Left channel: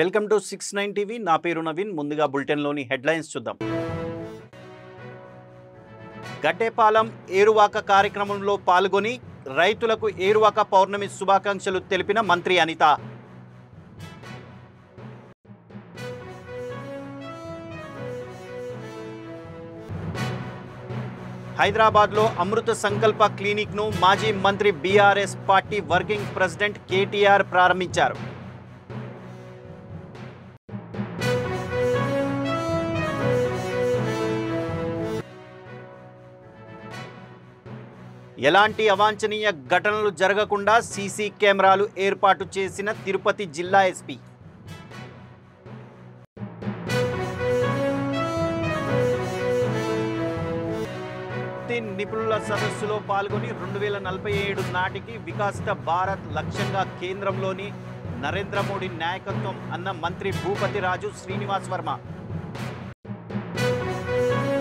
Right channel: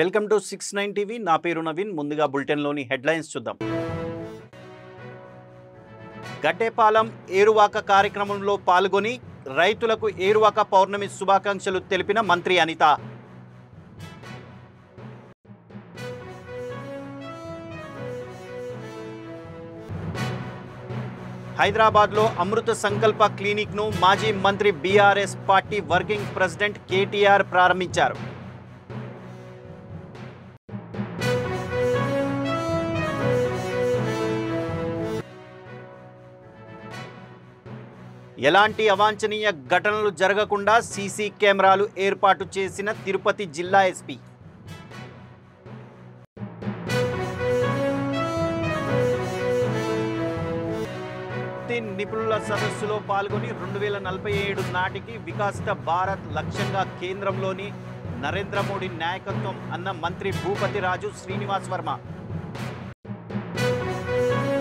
Welcome to 69 TV. నా పేరు నవీన్. ముందుగా బులెటిన్లోని హెడ్లైన్స్ చూద్దాం. గడ్డేపాలెం ఏరువాక కార్యక్రమంలో పాల్గొని రైతులకు ఏరువాక పౌర్ణమి శుభాకాంక్షలు తెలిపిన మంత్రి అనిత. హైదరాబాద్లో అమృత సంకల్ప క్లినిక్ను మాజీ మంత్రి BRS party working president KTR ప్రారంభించారు. ఎలాంటి అవాంఛనీయ ఘటనలు జరగకుండా సీసీ కెమెరాలు ఏర్పాటు చేసిన తిరుపతి జిల్లా ఎస్పీ. నిపుణుల సదస్సులో పాల్గొని 2047 నాటికి వికసిత భారత్ లక్ష్యంగా కేంద్రంలోని నరేంద్ర మోడీ నాయకత్వం అన్న మంత్రి భూపతిరాజు శ్రీనివాస్ వర్మ.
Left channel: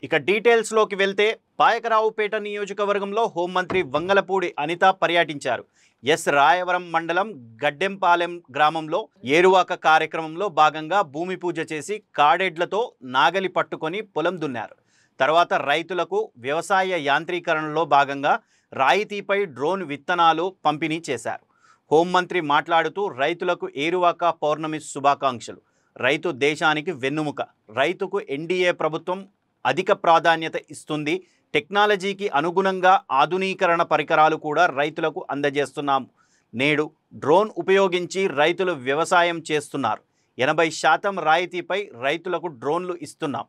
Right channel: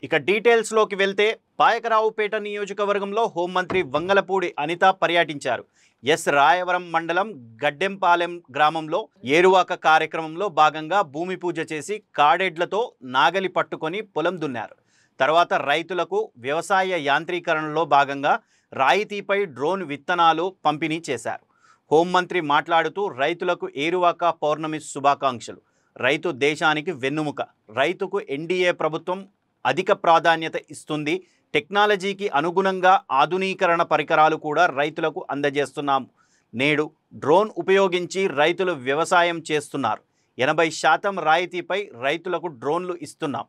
ఇక డీటెయిల్స్లోకి వెళ్తే పాయకరావుపేట నియోజకవర్గంలో హోంమంత్రి వంగలపూడి అనిత పర్యటించారు. ఎస్ రాయవరం మండలం గడ్డెంపాలెం గ్రామంలో ఏరువాక కార్యక్రమంలో భాగంగా భూమి పూజ చేసి కాడెడ్లతో నాగలి పట్టుకొని పొలం దున్నారు. తర్వాత రైతులకు వ్యవసాయ యాంత్రీకరణలో భాగంగా రాయితీపై డ్రోన్ విత్తనాలు పంపిణీ చేశారు. హోంమంత్రి మాట్లాడుతూ రైతులకు ఏరువాక పౌర్ణమి శుభాకాంక్షలు. రైతు దేశానికి వెన్నుముక. రైతుకు ఎన్డీఏ ప్రభుత్వం అధిక ప్రాధాన్యత ఇస్తుంది. టెక్నాలజీకి అనుగుణంగా ఆధునీకరణ పరికరాలు కూడా రైతులకు అందజేస్తున్నాము. నేడు డ్రోన్ ఉపయోగించి రైతులు వ్యవసాయం చేస్తున్నారు. 80% రాయితీపై రైతులకు డ్రోన్లు ఇస్తున్నాం.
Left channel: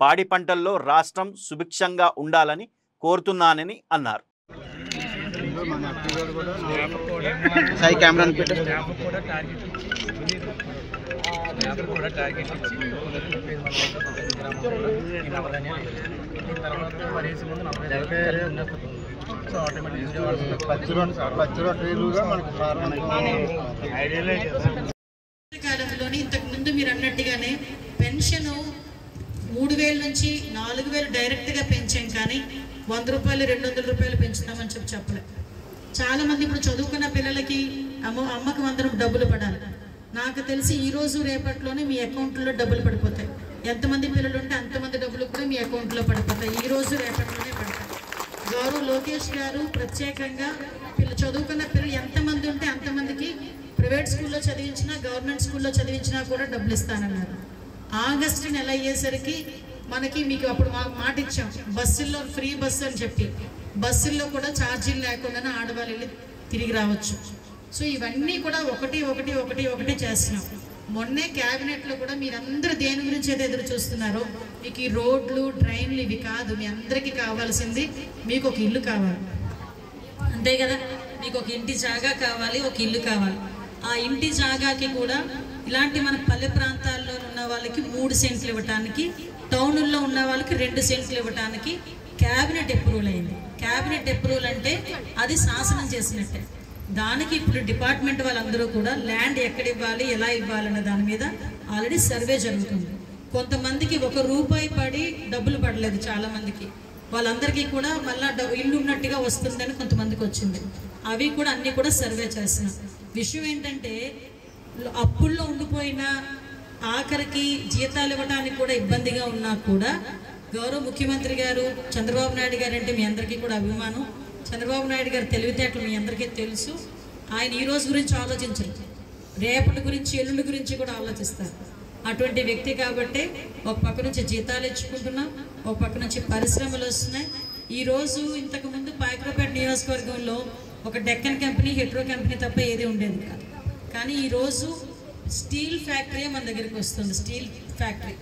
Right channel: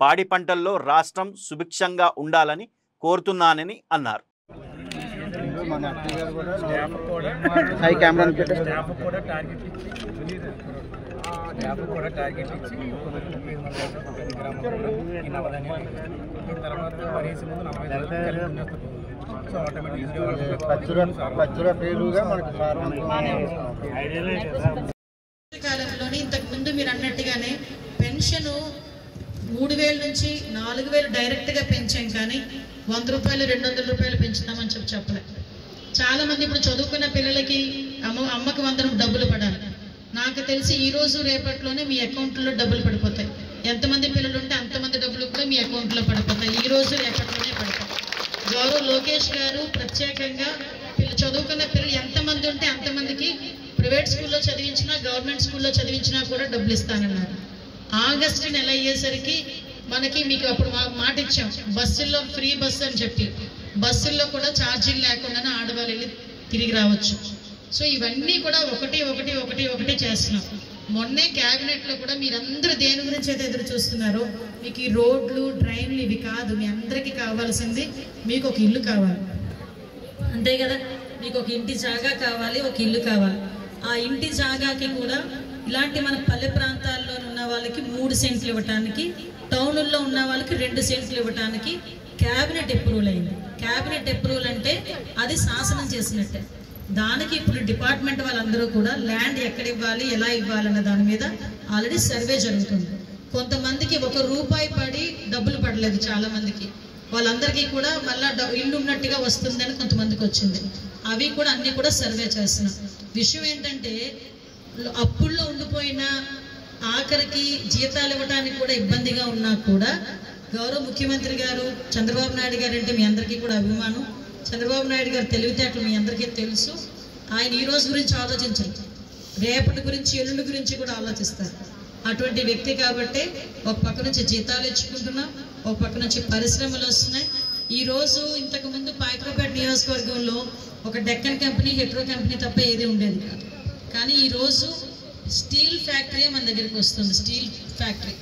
పాడి పంటల్లో రాష్ట్రం సుభిక్షంగా ఉండాలని కోరుతున్నానని అన్నారు. కాలంలోని ఇంతకు ముందు మీరు అన్నట్టుగానే పెన్షన్ 3000 నుంచి 4000 డైరెక్ట్గా పెంచాం, కానీ 100 రూపాయలు 200 రూపాయలు పెంచుతామని చెప్పలేదు. చాలా మంది ఇప్పుడు చదువుకున్న పిల్లలకి అమ్మకు 100 డబ్బులు పడాలి. నాకు తెలిసి ఈ రోజు రేపట్లోనే మీ అకౌంట్లో డబ్బులు పడిపోతాయి. ఎంతమంది పిల్లలు ఉంటే అంతమంది డబ్బులు కూడా మీ అకౌంట్లో పడిపోతాయి. ఈ రోజు రేపట్లోనే పడతాయి. గౌరవ్ లోకేష్ గారు ప్రత్యేకంగా చదువుకున్న పిల్లలు ఎంతమంది ఉంటే అంతమందికి ప్రైవేట్ స్కూల్లో చదివించినా గవర్నమెంట్ స్కూల్లో చదివించినా కూడా డబ్బులు ఇస్తానన్నారు. ఆగస్టు నెల అయ్యేసరికి మనకి మీకు అప్పుడు మాట ఇచ్చాం, బస్సుల్లో ఫ్రీ బస్సు అని చెప్పి బస్సుల్లో కూడా ఛార్జీలు లేకుండానే ఆడవాళ్ళు వెళ్ళి తిరిగి రావచ్చు. సో ఇవన్నీ కూడా ఒకటి చేస్తున్నాం. మొన్నే క్యాబినెట్లో కూడా మీరందరూ దేని గురించి అయితే ఎదురు చూస్తున్నారో, మీకు ఈ రోడ్లు డ్రైన్లు ఇవి కాదు, మీ అందరికీ కావాల్సింది మీకు ఒక ఇల్లు కావాలి, అంతే కదా. మీకు ఒక ఇంటి జాగా కావాలి, ఒక ఇల్లు కావాలి. ఆ ఇంటి జాగాకి కూడా ఇలాంటి మన పల్లె ప్రాంతాల్లో ఉన్న వాళ్ళకి 3 సెంట్లు ఇవ్వటానికి, టౌన్లో ఉన్న వాళ్ళకి 2 సెంట్లు ఇవ్వటానికి క్యాబినెట్ అప్రూవల్ అయింది. క్యాబినెట్ అప్రూవల్ అంటే అది శాసనం చేసినట్టే. దానికి ఇప్పుడు డిపార్ట్మెంట్ వాళ్ళందరూ కూడా ల్యాండ్ ఎక్కడ ఇవ్వాలి, ఎలా ఇవ్వాలన్న దాని మీద ఆల్రెడీ సర్వే జరుగుతుంది. కొంతమందికి 1 రూపాయి పడి డబ్బులు పడలేదు, చాలా మందికి. వాళ్ళందరికీ కూడా మళ్ళీ ఇల్లు ఉన్నట్టుగా వస్తుందని కొంతమందికి వచ్చింది. అవి కూడా అన్నీ కూడా సర్వే చేస్తున్నాం. విషయం ఏంటంటే అప్పుల్లో ఉండిపోయిన ఆఖరికి జీతాలు ఇవ్వడానికి కూడా ఇబ్బందిగా ఉన్నా కూడా గౌరవ ముఖ్యమంత్రి గారు చంద్రబాబు నాయుడు గారు అంటే మీ అందరికీ కూడా అభిమానం. చంద్రబాబు నాయుడు గారు తెలివితేటలు మీ అందరికీ తెలుసు. ఆయన ఈ రోజు గురించి ఆలోచించరు, రేపటి గురించి ఎల్లుండి గురించి కూడా ఆలోచిస్తారు. అటువంటి వ్యక్తి కాబట్టి ఒక పక్క నుంచి జీతాలు ఇచ్చుకుంటున్నాం, ఒక పక్క నుంచి పరిశ్రమలు వస్తున్నాయి. ఈరోజు ఇంతకుముందు పాయకరావుపేట నియోజకవర్గంలో ఒక డెక్కన్ కంపెనీ, హెట్రో కంపెనీ తప్ప ఏది ఉండేది కాదు. కానీ ఈరోజు స్టీల్ ఫ్యాక్టరీ మన దగ్గరికి వస్తుంది, స్టీల్ ఫ్యాక్టరీ.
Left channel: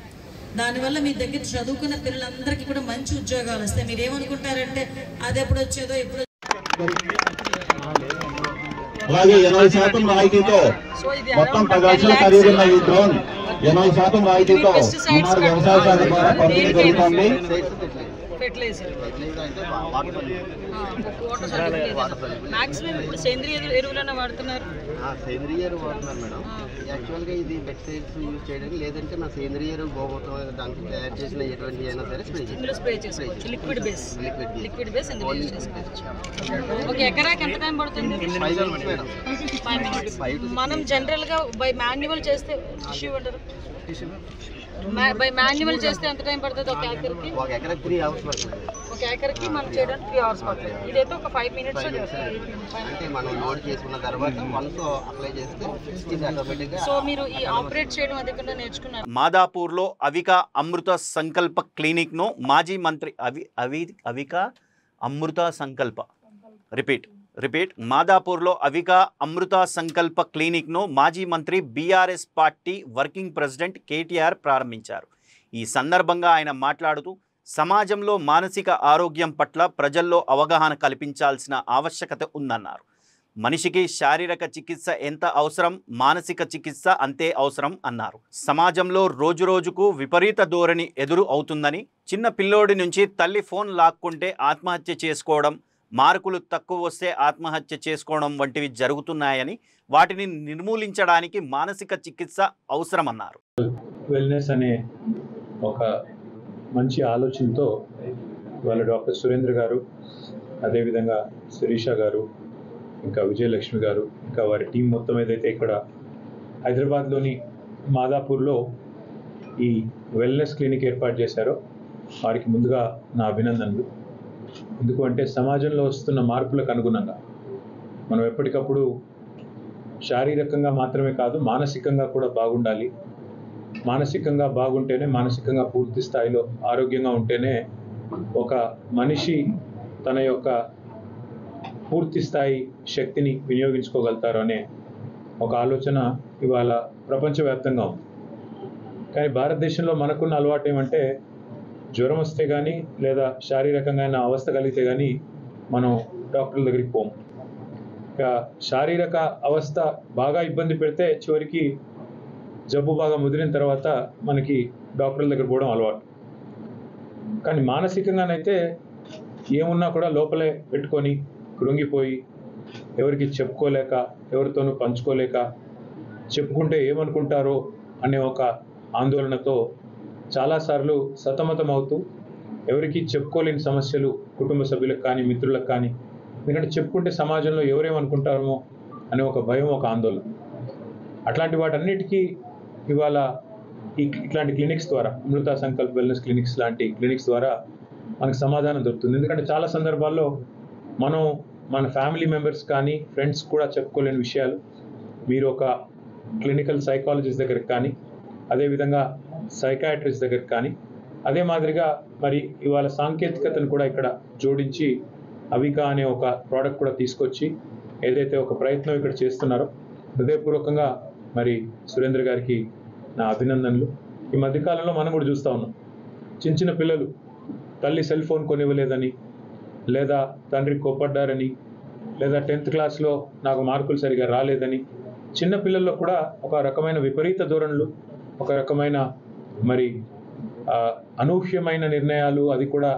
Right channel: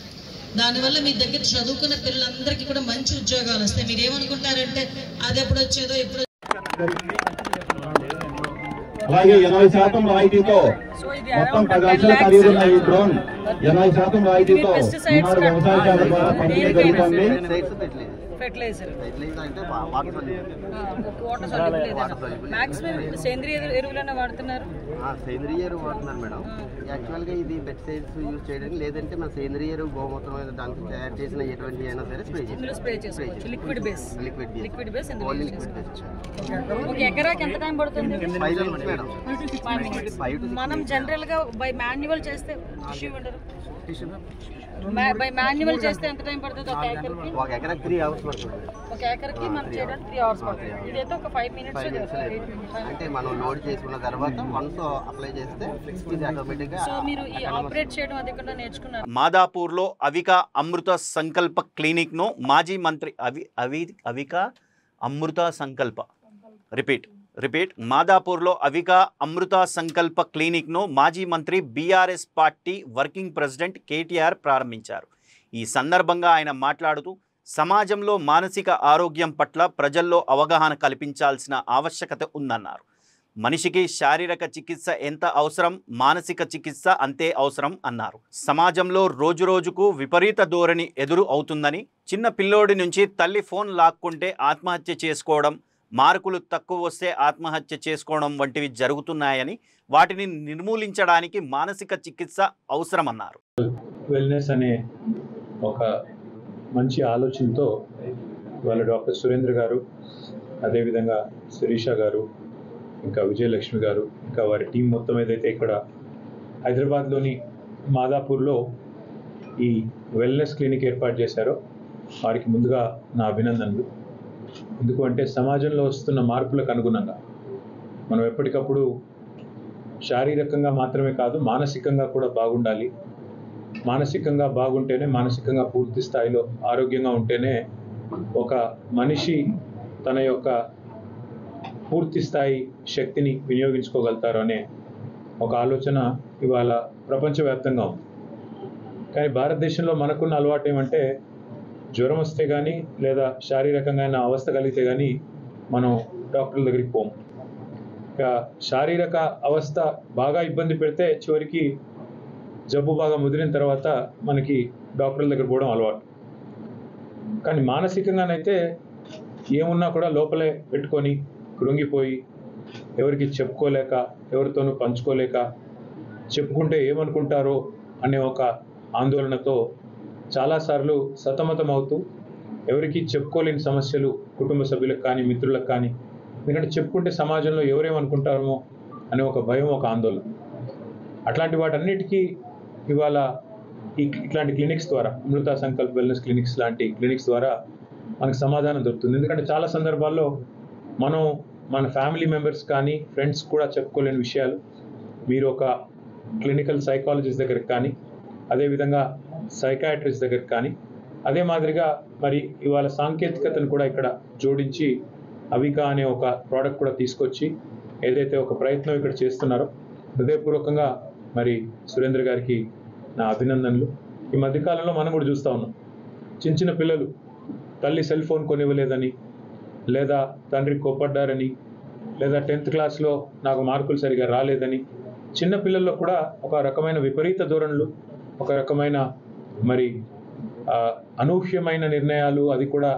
దానివల్ల మీ దగ్గర చదువుకున్న పిల్లలందరికీ కూడా మంచి ఉద్యోగాలు వస్తాయి. మీరు ఏమనుకుంటారంటే అది ఎప్పుడు వచ్చేదో ఎప్పుడు. అలాగే 80% రాయితీతో మొత్తం 10 లక్షల ఖరీదున్న ఈ డ్రోన్ 80% రాయితీతో ఈనాడు వ్యవసాయ శాఖ ద్వారా పంపిణీ జరుగుతుంది. మాక్సిమం ఇప్పుడు సేంద్రియ ఎరువులన్నా వాడుతున్నారు. సేంద్రియ ఎరువు వాడుతున్నారు మేడం. యాక్చువల్గా ఇది పెస్టిసైడ్స్ యూజ్ చేయడానికి, లేదంటే మన సేంద్రియ ఎరువు గోమూత్రం దానికి తయారు చేసిన ఎటువంటి అయినా సరే స్ప్రే చేసుకోవచ్చు. లిక్విడ్ బేస్ ఒక ఎకరాకి ఎంత టైం పడుతుంది? 5 minutes మేడం. 5 minutes. మనం జనరల్ గా బై మాన్యువల్ చేస్తే బై మాన్యువల్ చేస్తే ఎంత టైం పడుతుంది ఒక ఎకర్కి? ఒక ఎకరాకి 3 hours పడుతుంది. ఒక ఎకర్కి మనం చేయడానికి 3 hours పడుతుంది. ఇదైతే ఒక 5 minutes. అంటే మనం లోడ్ చేసుకున్న తర్వాత వన్స్ అప్లై చేస్తే ఇది ఆటోమేటిక్గా. సో మీరు ఈ ఆపరేట్ చేయడం అది కూడా నేర్చుకున్నారు. మాదాపూర్లో అవిక అమృత సంకల్ప క్లినిక్ను మాజీ మంత్రి అవిక అమృత సంకల్ప రిపీట్ మాదాపూర్లో అవిక అమృత సంకల్ప క్లినిక్ను మాజీ మంత్రి BRS party working president KTR ప్రారంభించారు. ఈ సందర్భంగా ఆయన మాట్లాడుతూ సమాజంలో మానసిక ఆరోగ్యం పట్ల ప్రజల్లో అవగాహన కల్పించాల్సిన ఆవశ్యకత ఉందన్నారు. మనిషికి శారీరక చికిత్స ఎంత అవసరం, మానసిక చికిత్స అంతే అవసరం అన్నారు. సమాజంలో రోజురోజుకు విపరీత ధోరణి ఎదురు అవుతుందని, చిన్న పిల్లోడి నుంచి తల్లి ఫోన్ లాక్కుంటే ఆత్మహత్య చేసుకోవడం, మార్కులు తక్కువ వస్తే ఆత్మహత్య చేసుకోవడం వంటివి జరుగుతున్నాయని, వాటిని నిర్మూలించడానికి మానసిక చికిత్స అవసరమన్నారు. వెల్నెస్ అనే ఒక మంచి ఆలోచనతో వాళ్ళ డాక్టర్ సురేంద్ర గారు, అదేవిధంగా శిరీష గారు, ఇంకా విజయలక్ష్మి గారు, ఇంకా వారి టీం మొత్తం ఏదైతే ఇక్కడ హైదరాబాద్లోని మాదాపూర్లో ఈ వెల్నెస్ క్లినిక్ ఏర్పాటు చేశారో వారికి ముందుగా నా అభినందనలు. ఎందుకు అంటే సమాజంలో వస్తున్న మార్పులకు అనుగుణంగా మనం ఎప్పటికప్పుడు శారీరకంగా మాత్రమే కాదు మానసికంగా కూడా బాగుండాలి. మానసికంగా బాగుంటేనే, మానసికంగా పూర్తి స్థాయిలో ఆరోగ్యంగా ఉంటేనే ఒక మనిషి తన యొక్క పూర్తి స్థాయి శక్తిని వినియోగించుకోగలుగుతారు అనే ఒక ఆలోచన ఇవాళ ప్రపంచవ్యాప్తంగా ఉంది. కానీ భారతదేశంలో మనకున్న అలవాటు ఏమంటే జ్వరం వస్తే కానీ లేదా శారీరకంగా అవస్థ కలిగితే కానీ మనం డాక్టర్ల దగ్గరికి పోము. ఇక శారీరక అవస్థ బాగా ఇబ్బంది పెడితే చివరికి జబ్బు బాగా ముదిరిన తర్వాత మనకి డాక్టర్ల దగ్గర పోవడం అలవాటు. కానీ మానసికంగానైతే ఏమున్నా కూడా లోపలే పెట్టుకొని కృంగిపోయి ఎవరికి చెప్పుకోలేక, ఎవరితోనూ పంచుకోలేక, చెప్పుకుంటే ఏమనుకుంటారో అనే ఒక ఆందోళనతో చాలాసార్లు సతమతం అవుతూ ఎవరికి చెప్పుకోలేని సమస్యలు కుటుంబ సభ్యులకు కానీ మిత్రులకు కానీ, ఎందుకంటే చెప్పుకుంటే సమాజంలో ఎవరేమనుకుంటారో అనే ఒక భయం, ఒక ఆందోళన. అట్లాంటి వాటన్నిటికీ ఇవాళ ఇట్లాంటి క్లినిక్స్ ద్వారా, అమృత సంకల్ప్ వెల్నెస్ క్లినిక్స్ లాంటి క్లినిక్స్ ద్వారా మనకు సమాధానం దొరుకుతుంది. ఎందుకంటే చాలా సందర్భాల్లో మనం మన ఫ్యామిలీ మెంబర్స్ కానీ ఫ్రెండ్స్ కూడా చెప్పుకోలేని విషయాలు మీరు ఒక క్లినికల్ సైకాలజిస్ట్ దగ్గరికి కానీ, అదేవిధంగా సైకాట్రిస్ట్ దగ్గరికి కానీ, అదే మాదిరిగా మరి ఇవాళ సాంకేతికతను కూడా ఇక్కడ జోడించి అవిక అనే ఒక ప్రోడక్ట్ కూడా తీసుకొచ్చి ఏదైతే ఒక ప్రయత్నం ఇక్కడ చేస్తున్నారో హృదయపూర్వకంగా మరి సురేంద్ర గారికి నా అభినందనలు. ఈ మధ్యకాలంలో మనం కూడా చూస్తూ ఉన్నాం, చిన్న చిన్న పిల్లలు తల్లి సెల్ ఫోన్ కొనివ్వలేదని, లేదా తండ్రి కోప్పడ్డారని, లేదా 10th క్లాస్లో నాకు మార్కులు సరిగా రాలేదని, చిన్న పిల్లల్లో కూడా ఒక రకమైన విపరీత ధోరణులు, ఒక రకమైన మరి అనూహ్యమైన నిర్ణయాలు, అది కూడా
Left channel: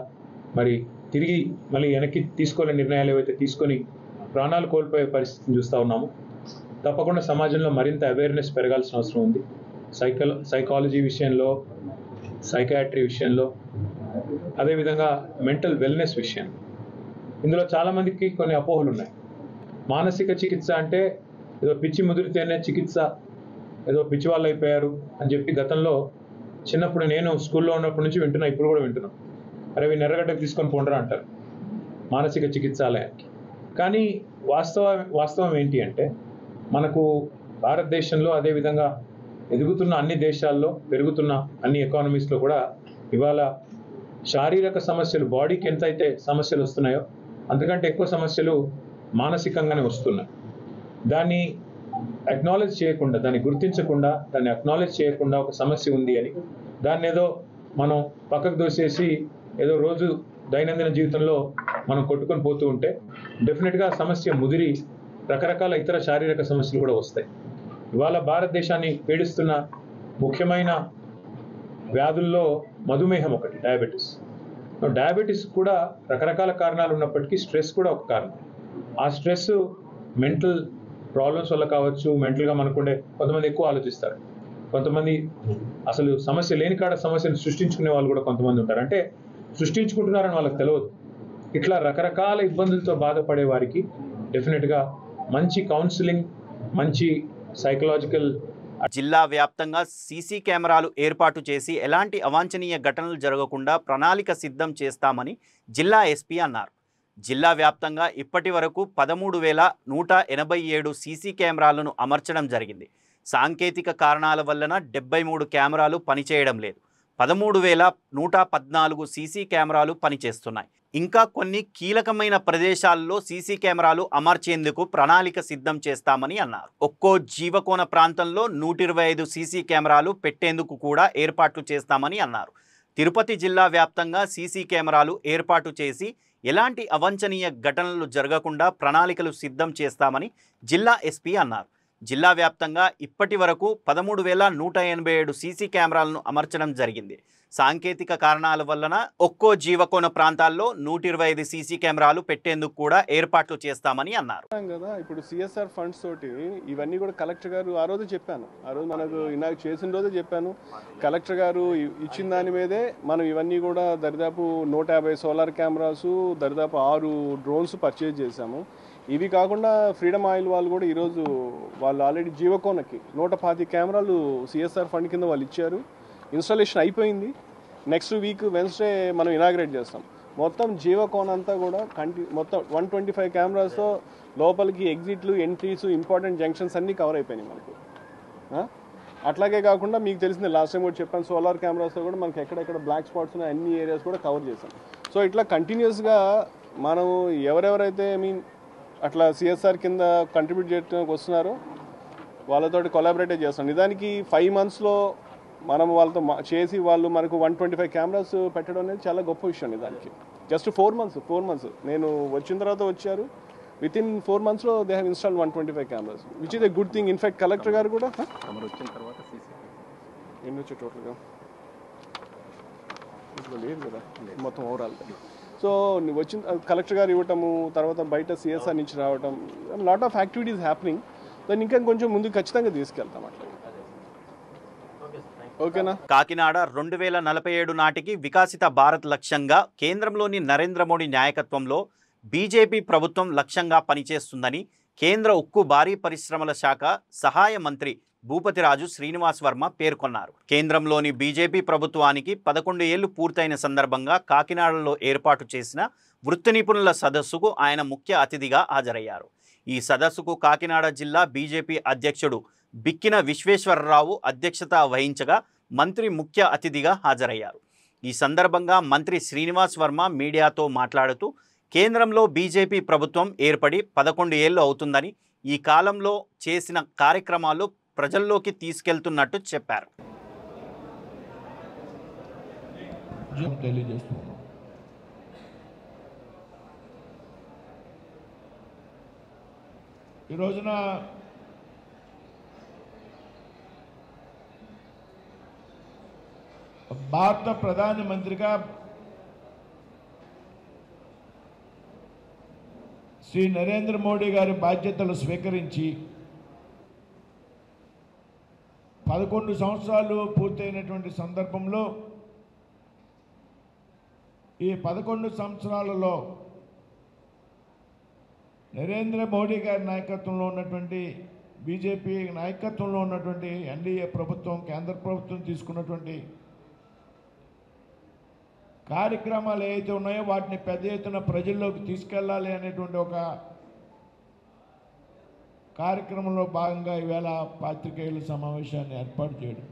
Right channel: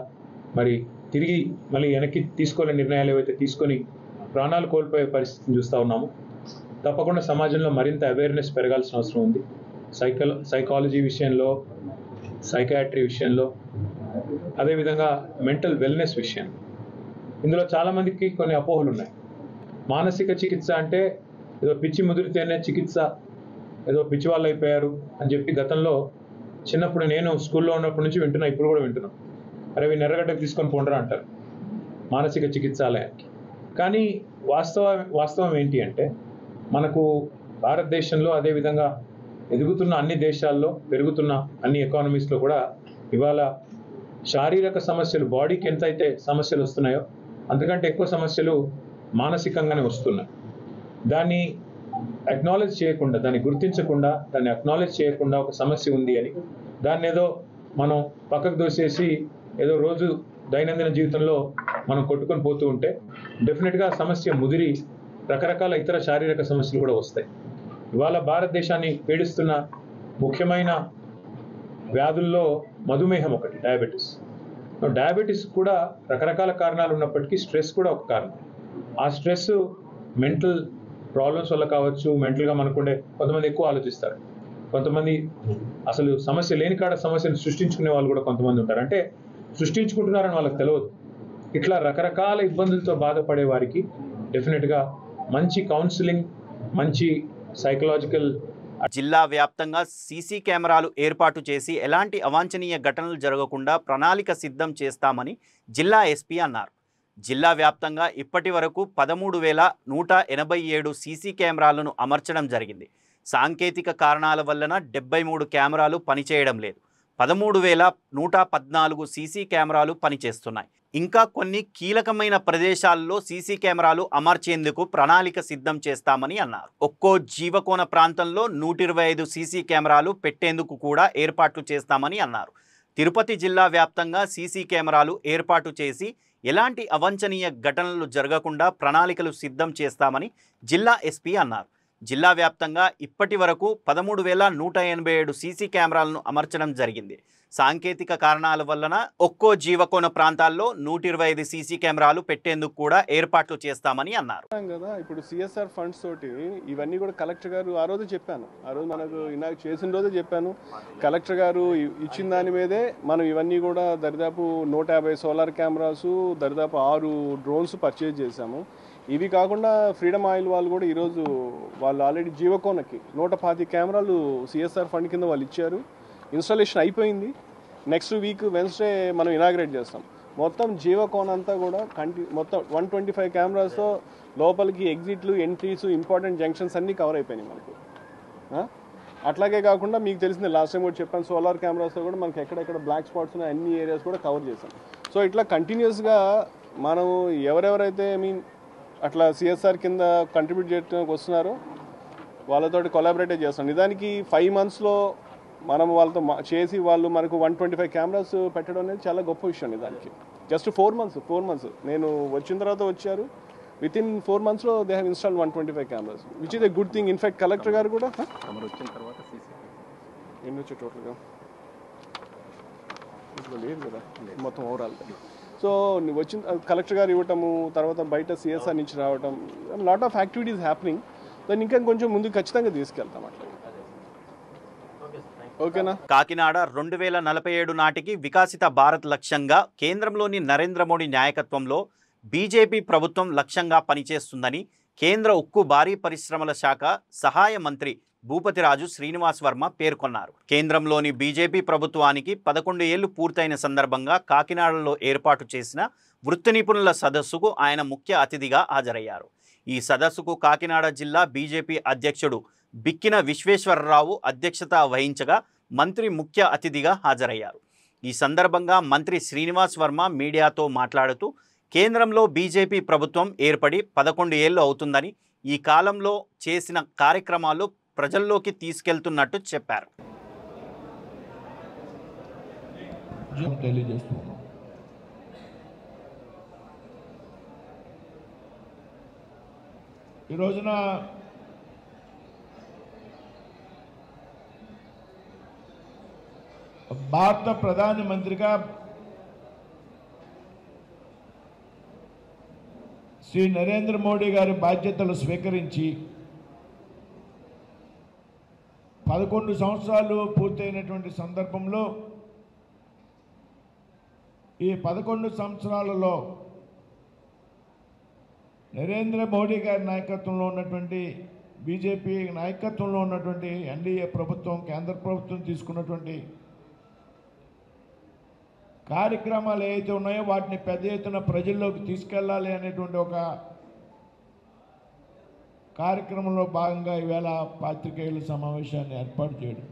మరి తిరిగి మళ్ళీ వెనక్కి తీసుకోలేని నిర్ణయాలు ఏవైతే తీసుకొని ప్రాణాలు కోల్పోయే పరిస్థితిని చూస్తూ ఉన్నాము. తప్పకుండా సమాజంలో మరింత అవేర్నెస్ పెరగాల్సిన అవసరం ఉంది. సైకాలజీ విషయంలో, సైకాట్రీ విషయంలో, అదేవిధంగా మెంటల్ వెల్నెస్ విషయంలో. ఇందులో చాలామందికి కొన్ని అపోహలు ఉన్నాయి. మానసిక చికిత్స అంటే ఏదో పిచ్చి ముదిరితేనే చికిత్స, ఏదో పిచ్చి వాళ్ళు అయిపోయారు అని చెప్పి గతంలో చిన్నప్పుడు నేను స్కూల్లో ఉన్నప్పటి నుంచి వింటున్నా, ఇప్పుడు కూడా వింటున్నాం. అరే వీళ్ళు ఎర్రగడ్డకు తీసుకొని పోండ్రా అంటారు మానసిక చికిత్సాలయానికి. కానీ వాస్తవం ఏంటి అంటే మనకు భారతదేశంలో, అదేవిధంగా ఎదుగుతున్న అన్ని దేశాల్లో, పెరుగుతున్న అన్ని ఎకానమీస్లో కూడా ఇవాళ శారీరక సమస్యలు, బాడీకి ఎంతైతే సమస్యలు వస్తున్నాయో అంతకంటే ఎక్కువ సమస్యలు మానసికంగానే వస్తున్నాయి. దాన్ని అక్నాలెడ్జ్ చేయకుండా, దాన్ని గుర్తించకుండా, దాన్ని అక్నాలెడ్జ్ చేయకుండా ఒక సమస్య ఉంది అని దాన్ని ఏదో మనం పక్కకు దోసేసి ఏదో రోజు దైనందిన జీవితంలో మనం కొట్టుకొని పోతూ ఉంటే డెఫినెట్గా సమస్య ముదిరి రకరకాల ఇతర శారీరక సమస్యలు కూడా వస్తాయి. ఇవాళ భారతదేశాన్ని పీడిస్తున్న ముఖ్యమైన వ్యాధుల్లో మధుమేహం ఒకటి, డయాబెటీస్. డయాబెటీస్ కూడా రకరకాల కారణాలు ఉన్నప్పటికీ స్ట్రెస్ కూడా ఒక కారణం. ఆ స్ట్రెస్ మెంటల్ ప్రాబ్లమ్స్ వల్ల కావచ్చు, మెంటల్గా మనకుండే కొంతమంది ఎక్కువ ఆలోచిస్తారు, కొంతమంది అసలు సమస్య లేని కాడ సమస్యను సృష్టించుకునే వాళ్ళు కూడా కొంతమంది ఉంటారు. అంటే సృష్టించుకుంటున్నారని వాళ్ళకి తెలియదు. ఇట్లా రకరకాల ఇబ్బందులతో బాధపడే వారికి డెఫినెట్గా మంచి కౌన్సిలింగ్, మంచి సైకలాజికల్. జిల్లా వ్యాప్తంగా సీసీ కెమెరాలు ఏర్పాటు చేసి ఎలాంటి అవాంఛనీయ ఘటనలు జరగకుండా ప్రణాళిక సిద్ధం చేస్తామని జిల్లా ఎస్పీ అన్నారు. జిల్లా వ్యాప్తంగా ఇప్పటి వరకు 13,187 సీసీ కెమెరాలను అమర్చడం జరిగింది. సాంకేతిక కారణాల వలన 73 కెమెరాలు పనిచేయడం లేదు. 13,114 సీసీ కెమెరాలు పనిచేస్తున్నాయి. ఇంకా కొన్ని కీలకమైన ప్రదేశాల్లో సీసీ కెమెరాలు అమర్చేందుకు ప్రణాళిక సిద్ధం చేస్తామని అన్నారు. ఒక్కో జీవకోణ ప్రాంతంలో 125 సీసీ కెమెరాలు పెట్టేందుకు కూడా ఏర్పాట్లు చేస్తామని అన్నారు. తిరుపతి జిల్లా వ్యాప్తంగా సీసీ కెమెరాలు ఏర్పాటు చేసి ఎలాంటి అవాంఛనీయ ఘటనలు జరగకుండా ప్రణాళికలు సిద్ధం చేస్తామని జిల్లా ఎస్పీ అన్నారు. జిల్లా వ్యాప్తంగా ఇప్పటి వరకు 13,187 సీసీ కెమెరాలను అమర్చడం జరిగింది. సాంకేతిక కారణాల వలన ఒక్కో జీవకోణ ప్రాంతాల్లో 125 సీసీ కెమెరాలు పెట్టేందుకు కూడా ఏర్పాట్లు చేస్తామని అన్నారు. కదా ఇప్పుడు సిఎస్ఆర్ ఫండ్స్ తోటి ఇవన్నీ కూడా కలెక్టర్ గారు ఆ రోజు చెప్పాను, ఆ రోజు మనకు ఇనాగ్ చేసిన రోజే చెప్పాను, కలెక్టర్ గారు ఇచ్చిన దాని మీదే మనం ఇవన్నీ కూడా దరిదాపు 150 సోలార్ కెమెరాసు, దరిదాపు 6 డ్రోన్స్ పర్చేజ్ చేశాము. ఇవి కాకుండా ఫ్రీడమ్ ఆయిల్ వాళ్ళు కూడా ఈరోజు వాళ్ళు ఆల్రెడీ జీవకోనకి 125 కెమెరాలు సిఎస్ఆర్ ఫండ్ కింద వాళ్ళు ఇచ్చారు. ఇన్స్టాలేషన్ అయిపోయింది. నెక్స్ట్ వీక్ వెన్స్డే మనం ఇనాగ్రేట్ చేస్తాం. మొత్తం జీవకోన్ అంతా కూడా మొత్తం 125 కెమెరాస్తో లోపలికి ఎగ్జిట్లు, ఎంట్రీస్, ఇంపార్టెంట్ జంక్షన్స్ అన్నీ కవర్ అయిపోయినాయి మనకు. అట్లాగే కాకుండా మీకు తెలిసింది లాస్ట్ టైం కూడా చెప్పాను, సోలార్ కెమెరాస్తో కూడా మనకి ఎక్కడెక్కడ బ్లాక్ స్పాట్స్ ఉన్నాయి అన్ని ఏరియాస్ కూడా కవర్ చేసాం. సో ఇట్లా కంటిన్యూస్గా మనం ఎవరెవరైతే అట్లా సిఎస్ఆర్ కింద కంట్రిబ్యూట్ చేయడానికి వస్తున్నారో వాళ్ళతోటి కొలాబరేట్ చేస్తాం. నిజానికి 5 monthsలో మనం వాళ్ళతో చేసి వాళ్ళు మనకు 125 కెమెరాస్ పెట్టడం అనేది చాలా గొప్ప విషయం. నిజానికి జస్ట్ 4 months నేను వచ్చిన తర్వాత వచ్చారు. వితిన్ 4 monthsలో they have installed 125 cameras, which is a good thing. In fact collector గారు కూడా వచ్చిన తర్వాత ఎన్ని వచ్చాయి టోటల్గా ఇప్పుడు లేదు కదా మొత్తం ఓవరాల్. సో వచ్చిన కలెక్టర్ గారు ఇవ్వటము, తర్వాత బయట సిఎస్ఆర్ నుంచి రావటం, లాట్ ఆఫ్ యాక్టివిటీస్ హ్యాపెనింగ్. దాన్ని ఇంకా కొంచెం ముందుకు ఖచ్చితంగా తీసుకెళ్తాం అట్లా. ఓకేనా? కాకినాడ 2047 నాటికి వికసిత భారత్ లక్ష్యంగా కేంద్రంలోని నరేంద్ర మోడీ నాయకత్వంలో బీజేపీ ప్రభుత్వం లక్ష్యంగా పనిచేస్తుందని కేంద్ర ఉక్కు భారీ పరిశ్రమల శాఖ సహాయ మంత్రి భూపతిరాజు శ్రీనివాస్ వర్మ పేర్కొన్నారు. కేంద్రంలోని బీజేపీ ప్రభుత్వానికి 11 ఏళ్లు పూర్తయిన సందర్భంగా కాకినాడలో ఏర్పాటు చేసిన వృత్తి నిపుణుల సదస్సుకు ఆయన ముఖ్య అతిథిగా హాజరయ్యారు. ఈ సదస్సుకు కాకినాడ జిల్లా బీజేపీ అధ్యక్షుడు బిక్కిన విశ్వేశ్వరరావు అధ్యక్షత వహించగా మంత్రి ముఖ్య అతిథిగా హాజరయ్యారు. ఈ సందర్భంగా మంత్రి శ్రీనివాస్ వర్మ మీడియాతో మాట్లాడుతూ కేంద్రంలో బీజేపీ ప్రభుత్వం ఏర్పడి 11 ఏళ్లు అవుతుందని, ఈ కాలంలో చేసిన కార్యక్రమాలు ప్రజల్లోకి తీసుకెళ్తున్నట్టు చెప్పారు. ఈ రోజున భారత ప్రధానమంత్రిగా శ్రీ నరేంద్ర మోడీ గారి బాధ్యతలు స్వీకరించి 11 సంవత్సరాలు పూర్తయినటువంటి సందర్భంలో ఈ 11 సంవత్సరాలలో నరేంద్ర మోడీ గారి నాయకత్వంలో ఉన్నటువంటి బీజేపీ నాయకత్వంలో ఉన్నటువంటి ఎన్డీఏ ప్రభుత్వం, కేంద్ర ప్రభుత్వం తీసుకున్నటువంటి కార్యక్రమాలు ఏవైతే ఉన్నాయో వాటిని పెద్ద ఎత్తున ప్రజల్లోకి తీసుకెళ్ళాలి అనేటువంటి ఒక కార్యక్రమంలో భాగంగా ఈవేళ పాత్రికేయుల సమావేశాన్ని ఏర్పాటు చేయడం.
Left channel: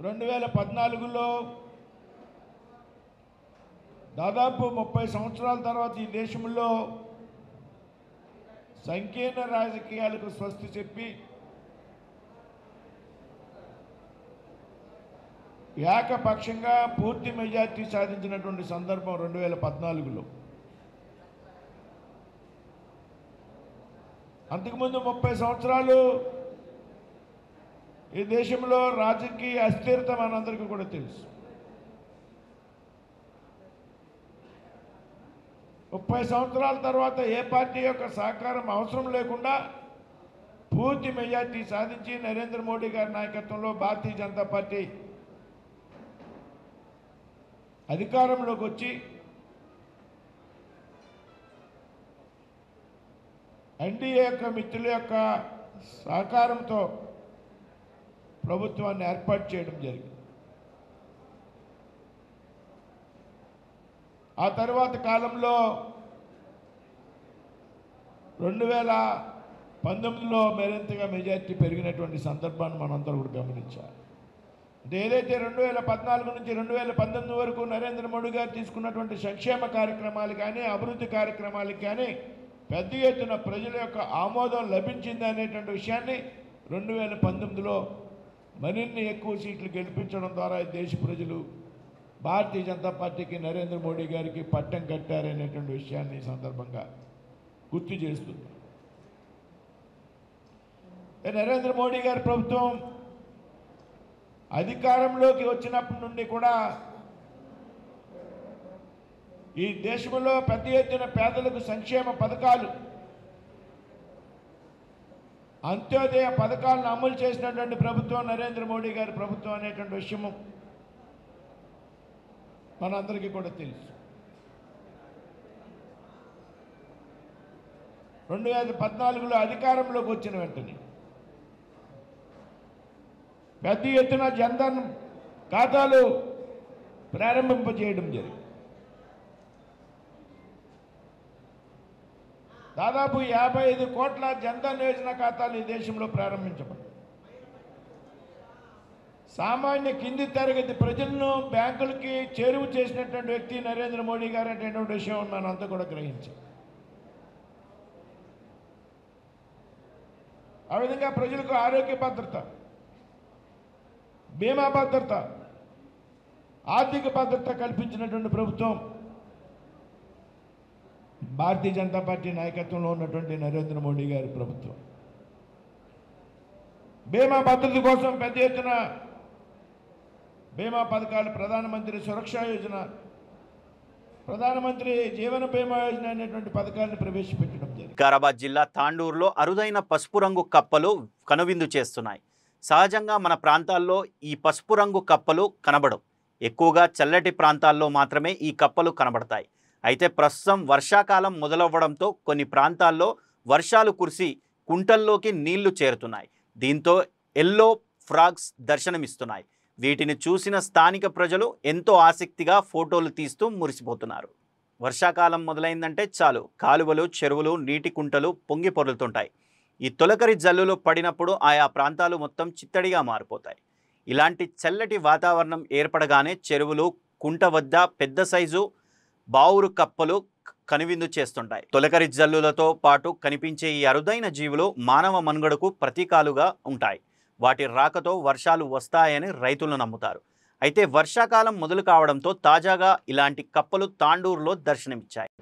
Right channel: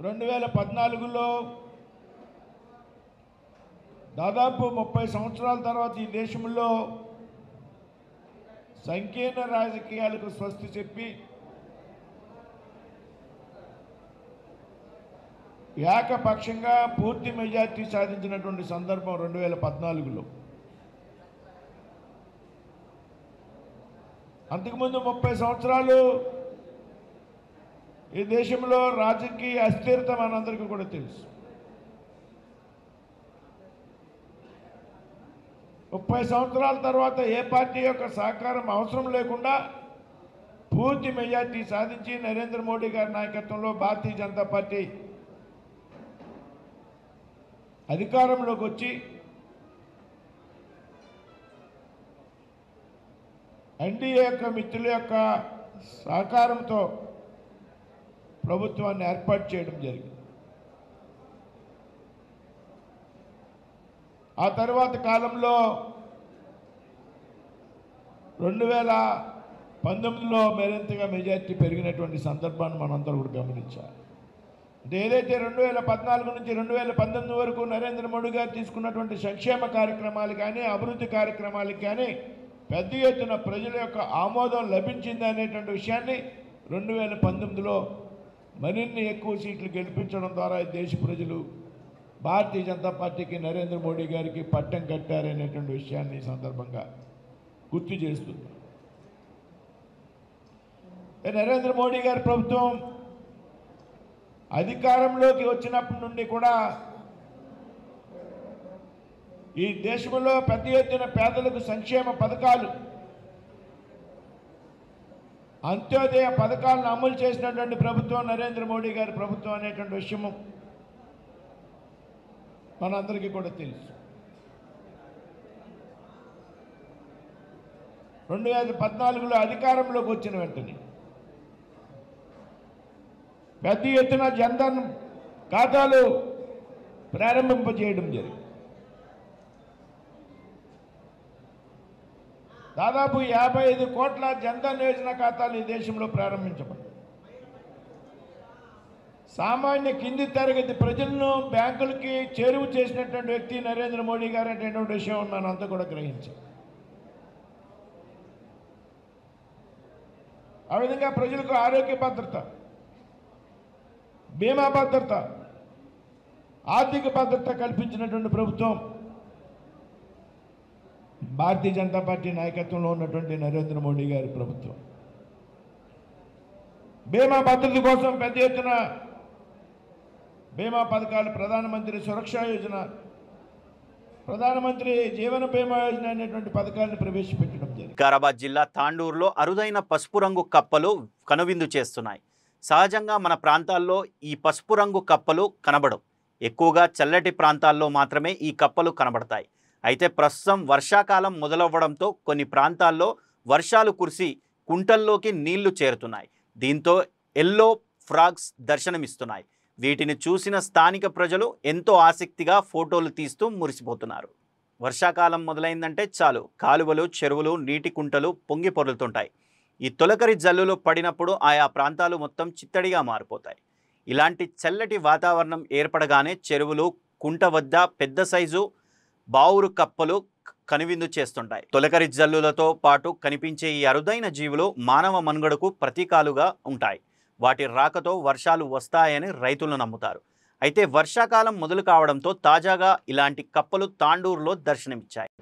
2014లో దాదాపు 30 సంవత్సరాల తర్వాత ఈ దేశంలో సంకీర్ణ రాజకీయాలకు స్వస్తి చెప్పి ఏకపక్షంగా పూర్తి మెజార్టీ సాధించినటువంటి సందర్భం 2014లో. అంతకుముందు 30 సంవత్సరాలు ఈ దేశంలో రాజకీయ అస్థిరత మనందరికీ కూడా తెలుసు. 30 సంవత్సరాల తర్వాత ఏ పార్టీ యొక్క సహకారం అవసరం లేకుండా పూర్తి మెజార్టీ సాధించి నరేంద్ర మోడీ గారి నాయకత్వంలో భారతీయ జనతా పార్టీ అధికారంలోకి వచ్చి ఎన్డీఏ యొక్క మిత్రుల యొక్క సహకారంతో ప్రభుత్వాన్ని ఏర్పాటు చేయడం జరిగింది. ఆ తర్వాత కాలంలో 2019లో మరింతగా మెజార్టీ పెరిగినటువంటి సందర్భాన్ని మనందరూ కూడా గమనించాలి. అంటే ఏదైతే 2014 నుంచి 2019 వరకు నరేంద్ర మోడీ గారు తీసుకున్నటువంటి సంక్షేమ కార్యక్రమాలు కానీ అభివృద్ధి కార్యక్రమాలకు కానీ పెద్ద ఎత్తున ప్రజల యొక్క ఆమోదం లభించింది అనేటువంటి విషయాన్ని 2019లో మరిన్ని ఎక్కువ సీట్లు గెలిపించడం ద్వారా దేశ ప్రజలు భారతీయ జనతా పార్టీకి నరేంద్ర మోడీ గారికి పట్టం కట్టారనేటువంటి విషయాన్ని ఈ సందర్భంగా గుర్తు చేస్తుంది. నరేంద్ర మోడీ గారి ప్రభుత్వం అధికారంలోకి వచ్చినప్పటి నుండి కూడా ఈ దేశంలో పెద్ద ఎత్తున పేదలకు సంక్షేమ పథకాలు అంత్యోదయ పథకాలను అమలు చేసినటువంటి ప్రభుత్వం నరేంద్ర మోడీ గారి ప్రభుత్వం అనేటువంటి విషయము మనందరికీ కూడా తెలుసు. 2014లో అధికారంలోకి వచ్చిన వెంటనే పెద్ద ఎత్తున జన్ధన్ ఖాతాలు ప్రారంభింపజేయడం జరిగింది. దాదాపు 55 కోట్ల జన్ధన్ యోజన ఖాతాలు ఈ దేశంలో ప్రారంభించబడ్డాయి. సామాన్య కింది తరగతి ప్రజలను బ్యాంకులకి చేరువ చేసినటువంటి వ్యక్తి నరేంద్ర మోడీ గారు అనేటువంటి విషయం మనంతా కూడా గ్రహించాం. ఆ విధంగా ప్రజలకు ఆరోగ్య భద్రత, బీమా భద్రత, ఆర్థిక భద్రత కల్పించినటువంటి ప్రభుత్వం భారతీయ జనతా పార్టీ నాయకత్వంలో ఉన్నటువంటి నరేంద్ర మోడీ గారి ప్రభుత్వం. బీమా భద్రత కోసం పెద్ద ఎత్తున బీమా పథకాలు, ప్రధానమంత్రి సురక్షా యోజన, ప్రధానమంత్రి జీవన బీమా యోజన అనేటువంటి పథకాలను ప్రవేశపెట్టడం జరిగింది. వికారాబాద్ జిల్లా తాండూరులో అరుదైన పసుపు రంగు కప్పలు కనువిందు చేస్తున్నాయి. సహజంగా మన ప్రాంతాల్లో ఈ పసుపు రంగు కప్పలు కనబడవు. ఎక్కువగా చల్లటి ప్రాంతాల్లో మాత్రమే ఈ కప్పలు కనబడతాయి. అయితే ప్రస్తుతం వర్షాకాలం మొదలవ్వడంతో కొన్ని ప్రాంతాల్లో వర్షాలు కురిసి కుంటల్లోకి నీళ్లు చేరుతున్నాయి. దీంతో ఎల్లో ఫ్రాగ్స్ దర్శనమిస్తున్నాయి. వీటిని చూసిన స్థానిక ప్రజలు ఎంతో ఆసక్తిగా ఫోటోలు తీస్తూ మురిసిపోతున్నారు. వర్షాకాలం మొదలైందంటే చాలు కాలువలు, చెరువులు, నీటి కుంటలు పొంగి పొర్లుతుంటాయి. ఈ తొలకరి జల్లులు పడినప్పుడు ఆయా ప్రాంతాలు మొత్తం చిత్తడిగా మారిపోతాయి. ఇలాంటి చల్లటి వాతావరణం ఏర్పడగానే చెరువులు, కుంట వద్ద పెద్ద సైజు బావురు కప్పలు కనువిందు చేస్తుంటాయి. తొలకరి జల్లులతో పాటు కనిపించే ఈ అరుదైన జీవులు మానవ మనుగడకు ప్రతీకాలుగా ఉంటాయి. వాటి రాకతో వర్షాలు వస్తాయని రైతులు నమ్ముతారు. అయితే వర్షాకాలం మొదలు కావడంతో తాజాగా ఇలాంటి కప్పలు తాండూరులో దర్శనమిచ్చాయి.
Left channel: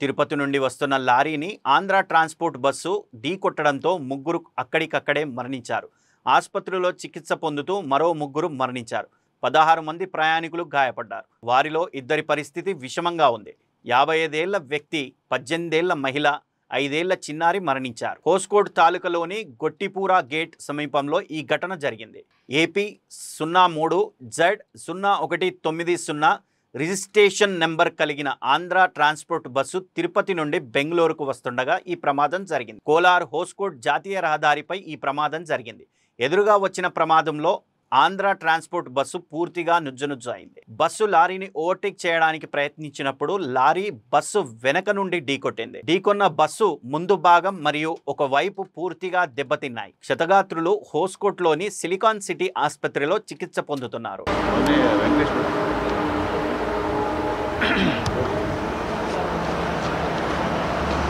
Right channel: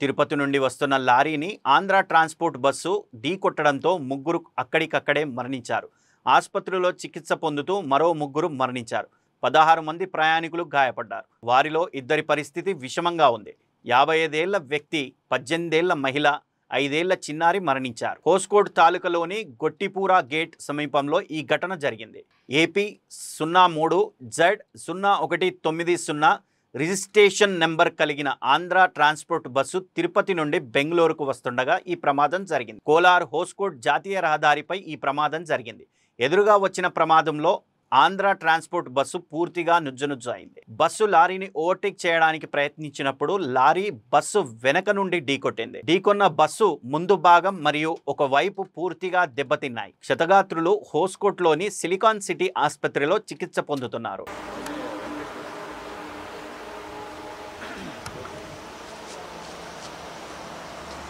తిరుపతి నుండి వస్తున్న లారీని ఆంధ్ర ట్రాన్స్పోర్ట్ బస్సు ఢీకొట్టడంతో ముగ్గురు అక్కడికక్కడే మరణించారు. ఆసుపత్రిలో చికిత్స పొందుతూ మరో ముగ్గురు మరణించారు. 16 మంది ప్రయాణికులు గాయపడ్డారు. వారిలో 2 పరిస్థితి విషమంగా ఉంది. 55 ఏళ్ల వ్యక్తి, 18 ఏళ్ల మహిళ, 5 ఏళ్ల చిన్నారి మరణించారు. హోస్కోట్ తాలూకాలోని గొట్టిపూరా గేట్ సమీపంలో ఈ ఘటన జరిగింది. ఏపీ 03Z0190 రిజిస్ట్రేషన్ నెంబర్ కలిగిన ఆంధ్ర ట్రాన్స్పోర్ట్ బస్సు తిరుపతి నుండి బెంగళూరుకు వస్తుండగా ఈ ప్రమాదం జరిగింది. కోలార్ హోస్కోట్ జాతీయ రహదారిపై ఈ ప్రమాదం జరిగింది. ఎదురుగా వచ్చిన ప్రమాదంలో ఆంధ్ర ట్రాన్స్పోర్ట్ బస్సు పూర్తిగా నుజ్జునుజ్జు అయింది. బస్సు లారీని ఓవర్టేక్ చేయడానికి ప్రయత్నించినప్పుడు లారీ బస్సు వెనక నుండి ఢీకొట్టింది. ఢీకొన్న బస్సు ముందు భాగం మరియు ఒక వైపు పూర్తిగా దెబ్బతిన్నాయి. క్షతగాత్రులు హోస్కోట్లోని సిలికాన్ సిటీ ఆసుపత్రిలో చికిత్స పొందుతున్నారు.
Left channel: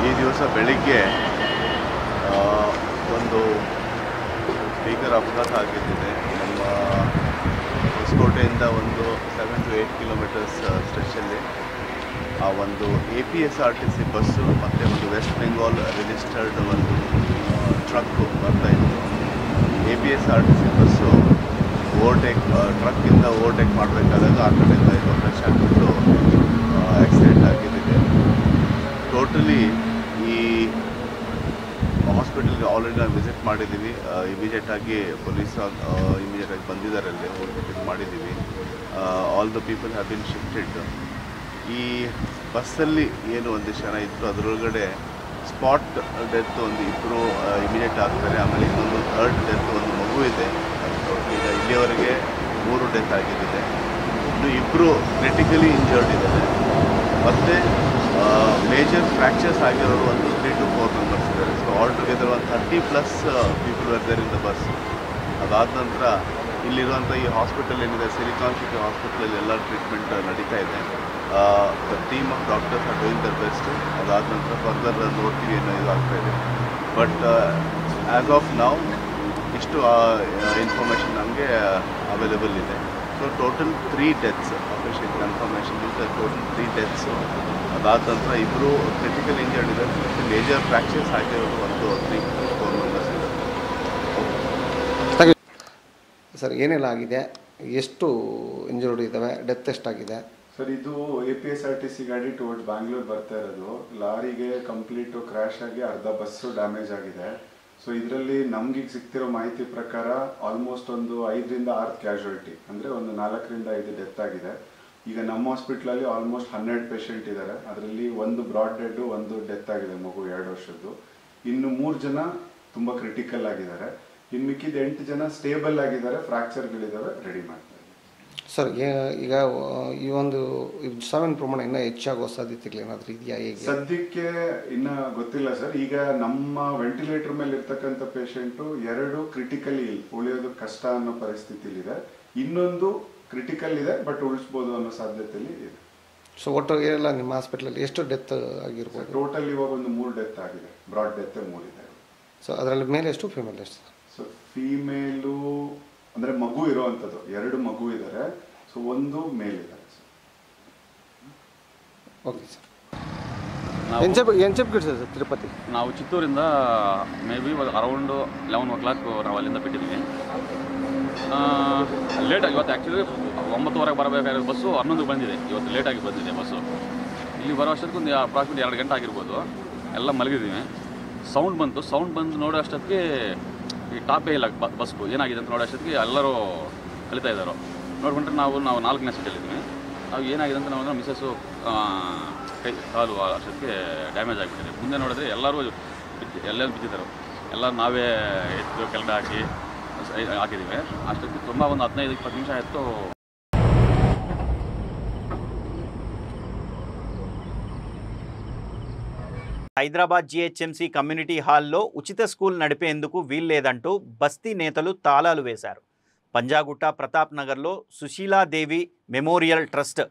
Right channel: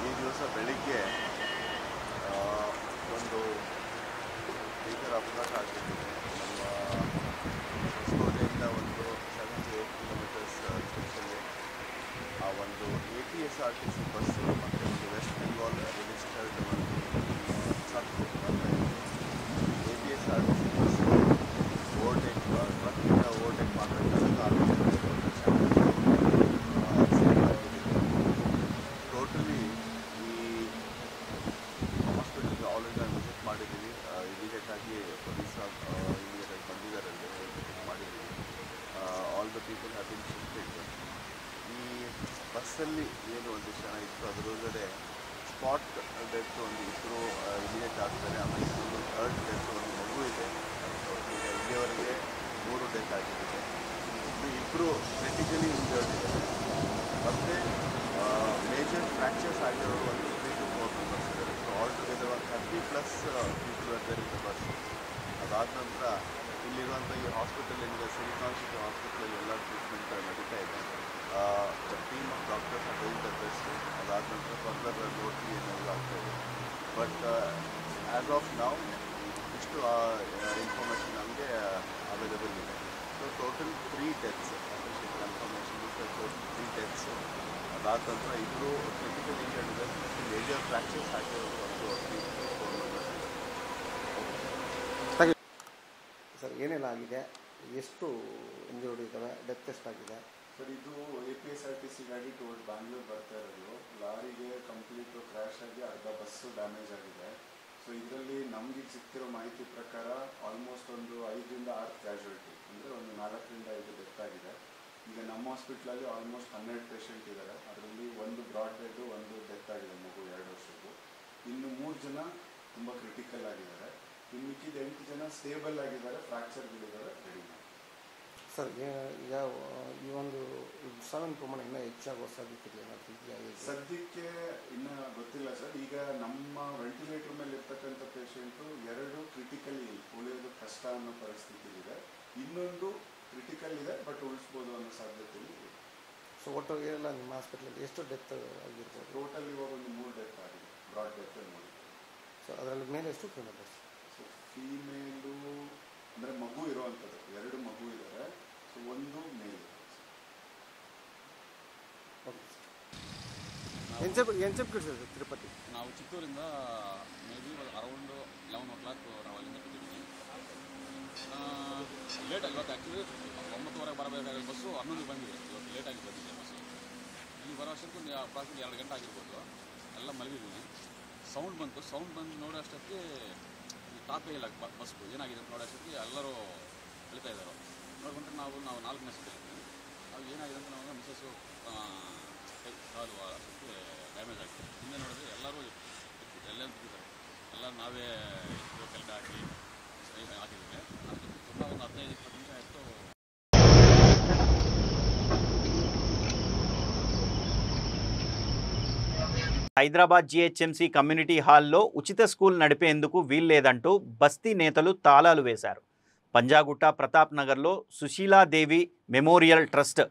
ಈ ದಿವಸ ಬೆಳಿಗ್ಗೆ ಒಂದು ಭೀಕರ ಅಪಘಾತ ಆಗಿದ್ದಿದೆ. ನಮ್ಮ ಹೊಸಕೋಟೆಯಿಂದ ಒಂದು 7 to 8 ಕಿಲೋಮೀಟರ್ಸ್ ಸ್ಟ್ರೆಚ್ಚಲ್ಲಿ ಆ ಒಂದು APSRTC ಬಸ್ಸು ಮತ್ತು ಒಂದು ವೆಸ್ಟ್ ಬೆಂಗಾಲ್ ರಿಜಿಸ್ಟರ್ಡ್ ಒಂದು ಟ್ರಕ್ಕು ಬರ್ತಾಯಿತ್ತು. APSRTC ಬಸ್ಸು ಟ್ರಕ್ಕಿಂದ ಓವರ್ಟೇಕ್ ಮಾಡಬೇಕಾದಾಗ ಆ ಕಡೆಯಿಂದ ಇದು ಟಚ್ ಆಗಿಬಿಟ್ಟು ಆಕ್ಸಿಡೆಂಟ್ ಆಗಿದ್ದಿದೆ. ಟೋಟಲಿ ಈ ಹಾಸ್ಪಿಟಲ್ಗೆ ಆಲ್ರೆಡಿ ನಾವು ವಿಸಿಟ್ ಮಾಡಿದ್ದೀವಿ. ಇಮಿಡಿಯೇಟಾಗಿ ಪೊಲೀಸ್ ಇಮಿಡಿಯೇಟಾಗಿ ಬಂದಿದ್ದಾರೆ, ಅಲ್ಲಿ ಹೋಗ್ಬಿಟ್ಟು ಮಾಡಿದ್ದೀವಿ. All the people have been shifted. ಈ ಬಸ್ಸಲ್ಲಿ ಏನು ಒಂದಿಷ್ಟು ಜನ ಇತ್ತು, ಅದರೊಳಗಡೆ ಸ್ಪಾಟ್ ಡೆತ್ ಒಂದು 2 ಇಮಿಡಿಯೇಟ್ ಆಗ್ತಾರೆ. ಆಮೇಲೆ ಇನ್ನೊಂದು 3rd ಡೆತ್ ಒಂದು ಮಗು ಇದೆ. ಈಗ ಇಲ್ಲಿಯವರೆಗೆ 3 ಡೆತ್ ಆಗಿದ್ದಿದೆ. ಇನ್ನು 2 ಕ್ರಿಟಿಕಲಿ ಇಂಜರ್ಡ್ ಇದ್ದಾರೆ. ಮತ್ತು ಮೇಜರ್ ಫ್ರ್ಯಾಕ್ಚರ್ಸ್ ಆಗಿರೋರು ಒಂದು 3 to 4 ಮೆಂಬರ್ಸ್ ಇದ್ದಾರೆ. ಸೊ ಆಲ್ ಟುಗೆದರ್ ಒಂದು 30+ people were there in the bus. ಅದಾದ ನಂತರ ಇಲ್ಲಿರುವಂಥ ಈ ಹಾಸ್ಪಿಟಲ್ ಏನಿದೆ, ಸಿಲಿಕಾನ್ ಸಿಟಿ ಹಾಸ್ಪಿಟಲಲ್ಲಿ ಎಲ್ಲ ಟ್ರೀಟ್ಮೆಂಟ್ ನಡೀತಾ ಇದೆ. The team of doctors are doing their best. ಅದಾದ ನಂತರ ಫರ್ದರ್ ನೋಡ್ತೀವಿ ಏನೋ ಇದು ಆಗ್ತಾ ಇದೆ. ಬಟ್ ಆ್ಯಸ್ ಆಫ್ ನೌ ಇಷ್ಟು ಇನ್ಫಾರ್ಮೇಷನ್ ನಮಗೆ ಅವೈಲೇಬಲ್ ಇದೆ. So total 3 deaths official confirmation is total 3 deaths. ಅದಾದ ನಂತರ 2 ಕ್ರಿಟಿಕಲ್ ಇಂಜರ್ಡ್ ಇದೆ. ಮತ್ತು ಮೇಜರ್ ಫ್ರ್ಯಾಕ್ಚರ್ಸ್ ಆಗಿರೋದು ಒಂದು 3 to 4 ಮೆಂಬರ್ಸ್ ಇದೆ. ಸರ್ ಏನೆಲ್ಲ ಆಗಿದೆ, ಎಷ್ಟು ಇಂಜರ್ಡ್ ಇದ್ದಾವೆ, ಡೆತ್ ಎಷ್ಟಾಗಿದೆ? ಸರ್ ಇದು APSRTC ಗಾಡಿ ಟುವರ್ಡ್ಸ್ ಬ್ಯಾಂಗ್ಳೂರ್ ಬರ್ತಾ ಇರೋದು. ಲಾರಿಗೆ ಕಂಪ್ಲೀಟು ಕ್ರ್ಯಾಶ್ ಆಗಿ ಅರ್ಧ ಬಸ್ಸು ಡ್ಯಾಮೇಜ್ ಆಗಿದೆ. ಸೊ ಇದರಲ್ಲಿ ನಮ್ಗೆ ಸಿಗ್ತಿರೋ ಮಾಹಿತಿ ಪ್ರಕಾರ ಆಲ್ಮೋಸ್ಟ್ ಒಂದು 5 ರಿಂದ 6 ಕ್ಯಾಶುಯಾಲಿಟಿ, ಅಂದರೆ ಒಂದು 4 ರಿಂದ 5 ಡೆತ್ ಆಗಿದೆ. ಈಗ ನಮ್ಮ ಹಾಸ್ಪಿಟ್ಲಲ್ಲಿ ಆಲ್ಮೋಸ್ಟ್ 12 ಪೇಷಂಟ್ ಇದ್ದಾರೆ. ಅದರಲ್ಲಿ ಒಂದು ಬ್ರಾಡ್ ಡೆಡ್, ಒಂದು ಡೆತ್ ಆಗಿದೆ, ಮಗು 2 ವರ್ಷದ್ದು. ಇನ್ನು 3 ಜನ ತುಂಬಾ ಕ್ರಿಟಿಕಲ್ ಆಗಿದ್ದಾರೆ. ಇನ್ನು ಮಿಕ್ಕಿದ 8 ಜನ ಸ್ಟೇಬಲ್ ಆಗಿದ್ದಾರೆ, ಫ್ರಾಕ್ಚರ್ಗಳಿದ್ದಾವೆ, ರೆಡಿ ಮಾಡ್ತಾರೆ. ಸರ್ ಈಗ ಈ ಒಂದು ಸಾವಿನ ಪ್ರಮಾಣ ಇನ್ನೂ ಹೆಚ್ಚಾಗುವ ಸಾಧ್ಯತೆಗಳು ಏನಾದರೂ ಇದೆಯಾ? ಹೇಗೆ ಸದ್ಯಕ್ಕೆ ಇನ್ನ ಗೊತ್ತಿಲ್ಲ ಸರ್. ಈಗ ನಮ್ಮ ವೆಂಟಿಲೇಟರ್ ಮೇಲೆ ಇರ್ತಕ್ಕಂಥ ಪೇಷಂಟು 2 ಕ್ರಿಟಿಕಲಿ ಉಳಿಯೋದು ಕಷ್ಟ ಅನ್ನೋ ಪರಿಸ್ಥಿತಿಲಿದೆ. ಇನ್ನೊಂದು ಕ್ರಿಟಿಕಲ್ ಇದೆ, ಬಟ್ ಉಳಿಸ್ಬೋದು ಅನ್ನೋ ಸಾಧ್ಯತೆಯಲ್ಲಿ ಇದೆ. ಸೊ ಒಟ್ಟು ಎಲ್ಲ ನಿಮ್ಮ ಹಾಸ್ಪಿಟಲಲ್ಲಿ ಎಷ್ಟು ಡೆತ್ ಆಗಿರ್ಬೋದು? ಟೋಟಲ್ ಇವಾಗ ಒಂದು 3 ಡೆತ್ ಆಗಿದೆ. ಬ್ರಾಡ್ ಡೆತ್ 3 ಇದೆ. ಸೊ ಅದರಲ್ಲಿ ಮೇಲ್ ಎಷ್ಟು, ಫಿಮೇಲ್ ಎಷ್ಟು? ಸೊ ಫೀಮೇಲು ಅಂದ್ರೆ ಮಗು ಇರೋವಂಥದ್ದು 2 ಮಗು ಇದ್ದಾರೆ. ಸೊ ಒಂದು ಮೇಲ್ ಇದ್ದಾರೆ. Okay sir. ಎಂಚೆಪ್ ಸರ್ ತಿರುಪತಿ ನಾವು ಚಿತ್ತೂರಿಂದ ಮೇ ಬಿ ಅರೌಂಡ್ 11 o'clock ನಾವು ಅಲ್ಲಿಂದ ಬಿಟ್ಟಿದ್ದೀವಿ. ಲೇಟಾಗಿ ಇವತ್ತು ಆ್ಯಕ್ಚುಲಿ 9:30 ಬರಬೇಕಾಗಿರೋ ಬಸ್ಸು 11 ಬಂದಿದೆ. ಇವತ್ತು ಲೇಟಾಗಿ ಬಂದಿದೆ ಬಸ್ಸು. ಇಲ್ಲಿ ಬರೋ ಅಷ್ಟೊತ್ತಿಗೆ ಒಂದು ಅಪ್ರಾಕ್ಸಿಮೇಟ್ 2 ಗಂಟೆ ಆಗಿರ್ಬೋದು. ಎಲ್ಲ ಮಲಗಿದ್ದೀವಿ. ಸೌಂಡ್ ಬಂದು ನೋಡೋ ಅಷ್ಟೊತ್ತಿಗೆ ಈ ಟಾಪೇ ಇಲ್ಲ ಬಸ್ಸು. ಏನಾಗಿದೆ ಅಂತ ನೋಡೋ ಅಷ್ಟೊತ್ತಿಗೆ ಎಲ್ಲರೂ ಕಲಿತಾ ಇದ್ದಾರೆ. ನೋಡ್ಕೊಂಡ್ರೆ ನಾವು 4ನೇ ಸೀಟಲ್ಲಿದ್ದೀವಿ. ನಾವು ಏನಾಗಿದೆ ಅಂತ ನಾವು ಮಿಸ್ಸಸ್ಸು ಕಾಲು ಅಷ್ಟೊತ್ತಿಗೆ ಡ್ಯಾಮೇಜ್ ಆಗಿಬಿಟ್ಟಿದೆ. ಮುಂದೆ ನೋಡಿದ್ರೆ ಎಲ್ಲರೂ ಬಿದ್ದಿದ್ದಾರೆ. ಎಲ್ಲರೂ ನಾವೇ ಎತ್ತು ಕೆಳಗಡೆ ಹಾಕಿದ್ದೀವಿ. ಅಷ್ಟೊತ್ತಿಗೆ ತುಂಬ ಒಂದು 15-20 ನಿಮಿಷ ಆಯಿತು. హైదరాబాద్ GHMC కమ్యూనిటీ హాల్లో ఉచిత స్కూల్ నడిపేందుకు వీల్లేదంటూ బస్తీ నేతలు తాళాలు వేశారు. పంజాగుట్ట ప్రతాప్ నగర్లో సుశీలాదేవి మెమోరియల్ ట్రస్ట్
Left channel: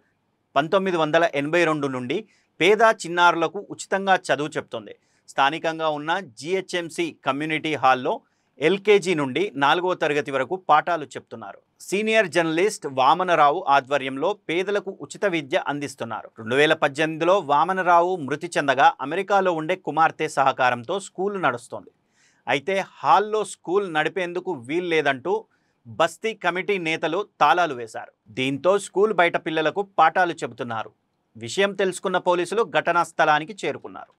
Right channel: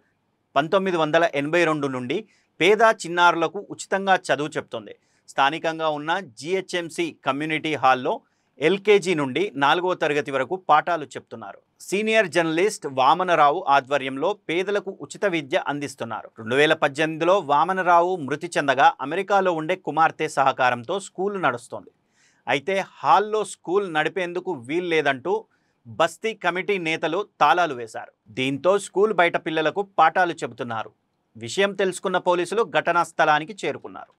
1982 నుండి పేద చిన్నారులకు ఉచితంగా చదువు చెప్తోంది. స్థానికంగా ఉన్న GHMC కమ్యూనిటీ హాల్లో LKG నుండి 4వ తరగతి వరకు పాఠాలు చెప్తున్నారు. సీనియర్ జర్నలిస్ట్ వామనరావు ఆధ్వర్యంలో పేదలకు ఉచిత విద్య అందిస్తున్నారు. 2018లో వామనరావు మృతి చెందగా అమెరికాలో ఉండే కుమార్తె సహకారంతో స్కూల్ నడుస్తోంది. అయితే హాల్లో స్కూల్ నడిపేందుకు వీల్లేదంటూ బస్తీ కమిటీ నేతలు తాళాలు వేశారు. దీంతో స్కూల్ బయట పిల్లలకు పాఠాలు చెబుతున్నారు. విషయం తెలుసుకున్న పోలీసులు ఘటనా స్థలానికి చేరుకున్నారు.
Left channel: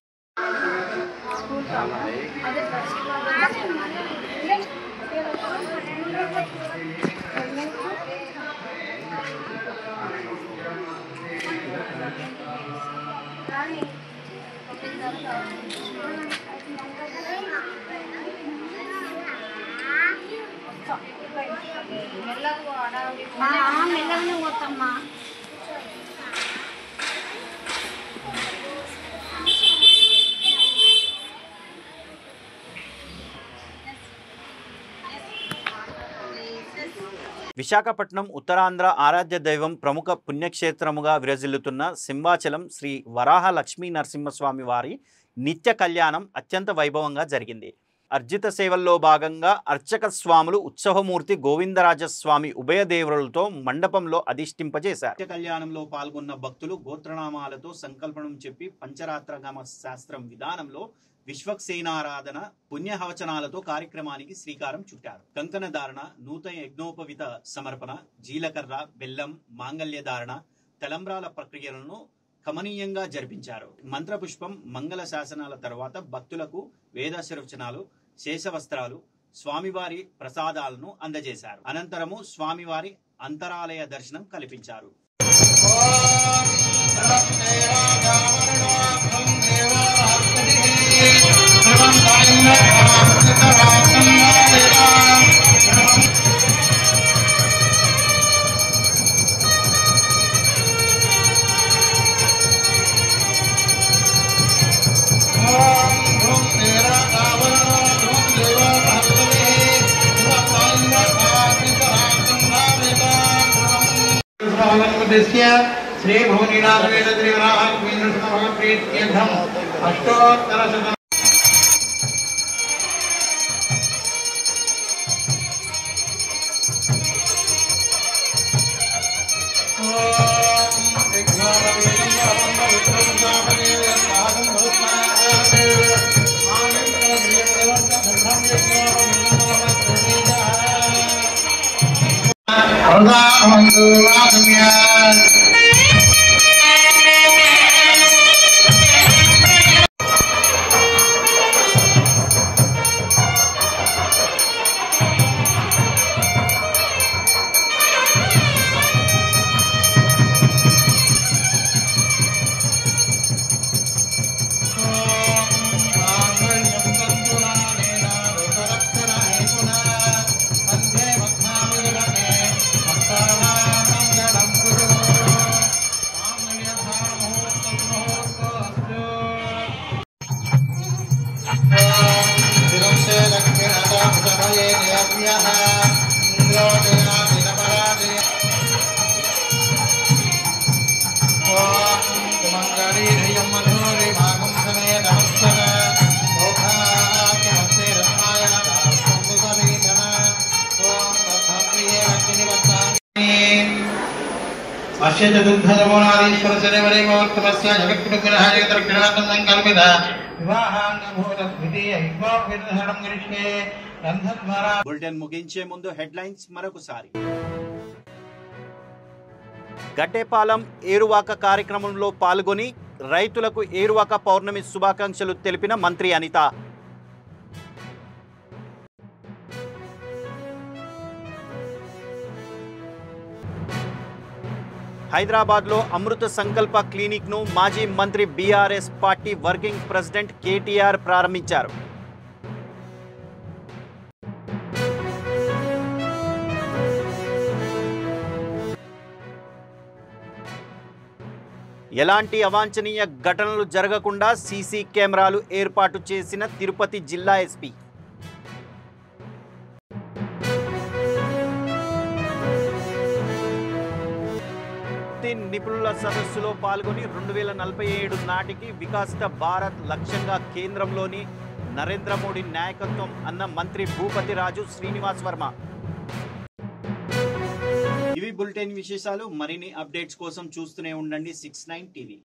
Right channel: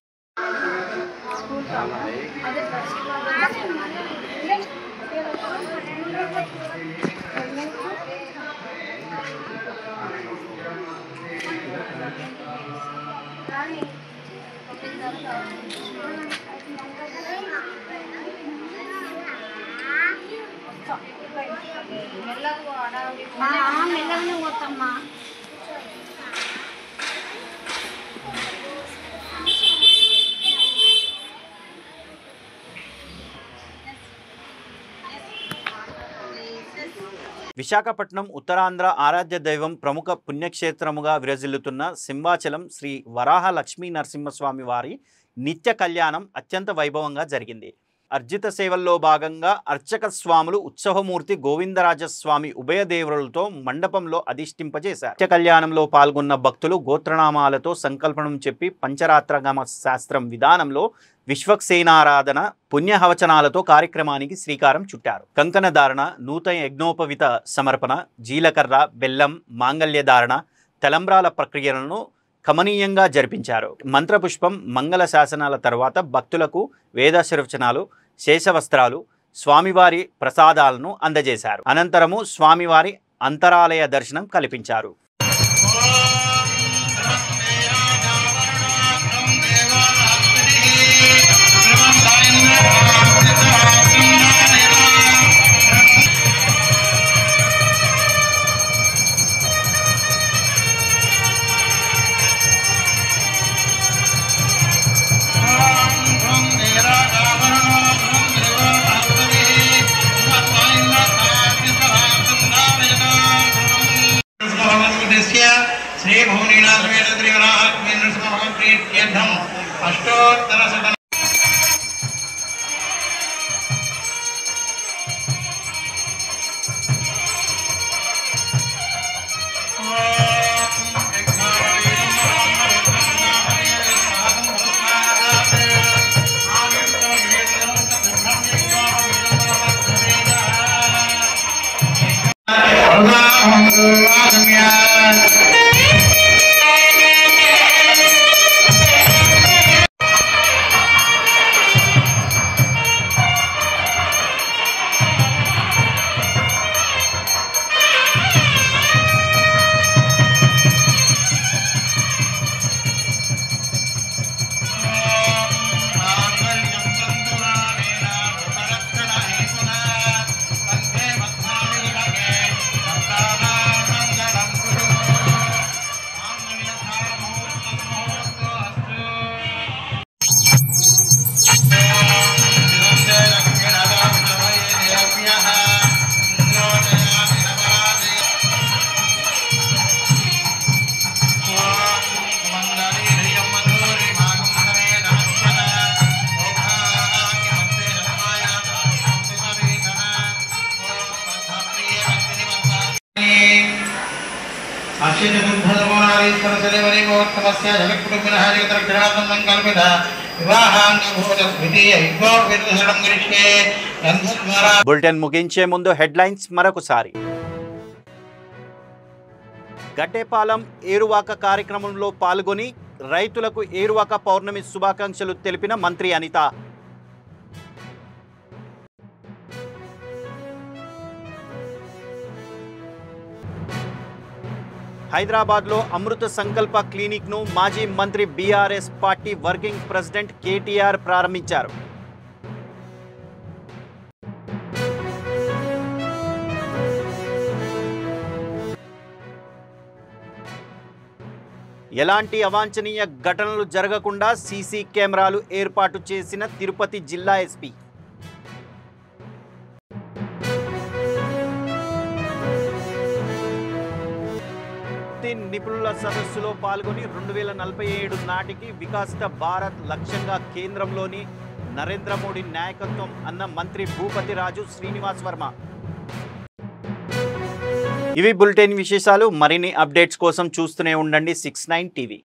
మెల్లగానే పోతామ్మా. విశాఖపట్నం ఉత్తరాంధ్ర ఆరాధ్య దైవం ప్రముఖ పుణ్యక్షేత్రముగా విరజిల్లుతున్న సింహాచలం శ్రీ వరాహ లక్ష్మీ నరసింహస్వామి వారి నిత్య కళ్యాణం అత్యంత వైభవంగా జరిగింది. అర్జిత సేవల్లో భాగంగా అర్చక స్వాములు ఉత్సవమూర్తి గోవిందరాజస్వామి ఉభయదేవులతో మండపంలో అధిష్ఠింపజేశారు. నిత్య కళ్యాణంలో పాల్గొన్న భక్తులు గోత్రనామాలతో సంకల్పనం చెప్పి పంచరాత్రగమ శాస్త్రం విధానంలో విశ్వక్సేనారాధన పుణ్యహవచనాలతో కార్యక్రమానికి శ్రీకారం చుట్టారు. కంకణధారణ, నూతన యజ్ఞోపవిత సమర్పణ, జీలకర్ర, బెల్లం, మాంగళ్యధారణ, తలంబ్రాల ప్రక్రియలను కమనీయంగా జరిపించారు. మంత్రపుష్పం, మంగళ శాసనాల తర్వాత భక్తులకు వేదాశీర్వచనాలు, శేషవస్త్రాలు, స్వామివారి ప్రసాదాలను అందజేశారు. అనంతరము స్వామివారి అంతరాలయ దర్శనం కల్పించారు. श्री भुवनीनाथ वेद त्रिवराह अष्टोत्तर బులెటిన్ ముగించే ముందు హెడ్లైన్స్ మరొకసారి. గడ్డేపాలెం ఏరువాక కార్యక్రమంలో పాల్గొని రైతులకు ఏరువాక పౌర్ణమి శుభాకాంక్షలు తెలిపిన మంత్రి అనిత. హైదరాబాద్లో అమృత సంకల్ప క్లినిక్ను మాజీ మంత్రి BRS party working president KTR ప్రారంభించారు. ఎలాంటి అవాంఛనీయ ఘటనలు జరగకుండా సీసీ కెమెరాలు ఏర్పాటు చేసిన తిరుపతి జిల్లా ఎస్పీ. నిపుణుల సదస్సులో పాల్గొని 2047 నాటికి వికసిత భారత్ లక్ష్యంగా కేంద్రంలోని నరేంద్ర మోడీ నాయకత్వం అన్న మంత్రి భూపతి రాజు శ్రీనివాస్ వర్మ. ఇవి బులెటిన్ విశేషాలు. మరిన్ని అప్డేట్స్ కోసం చూస్తూనే ఉండండి 69 టీవీ.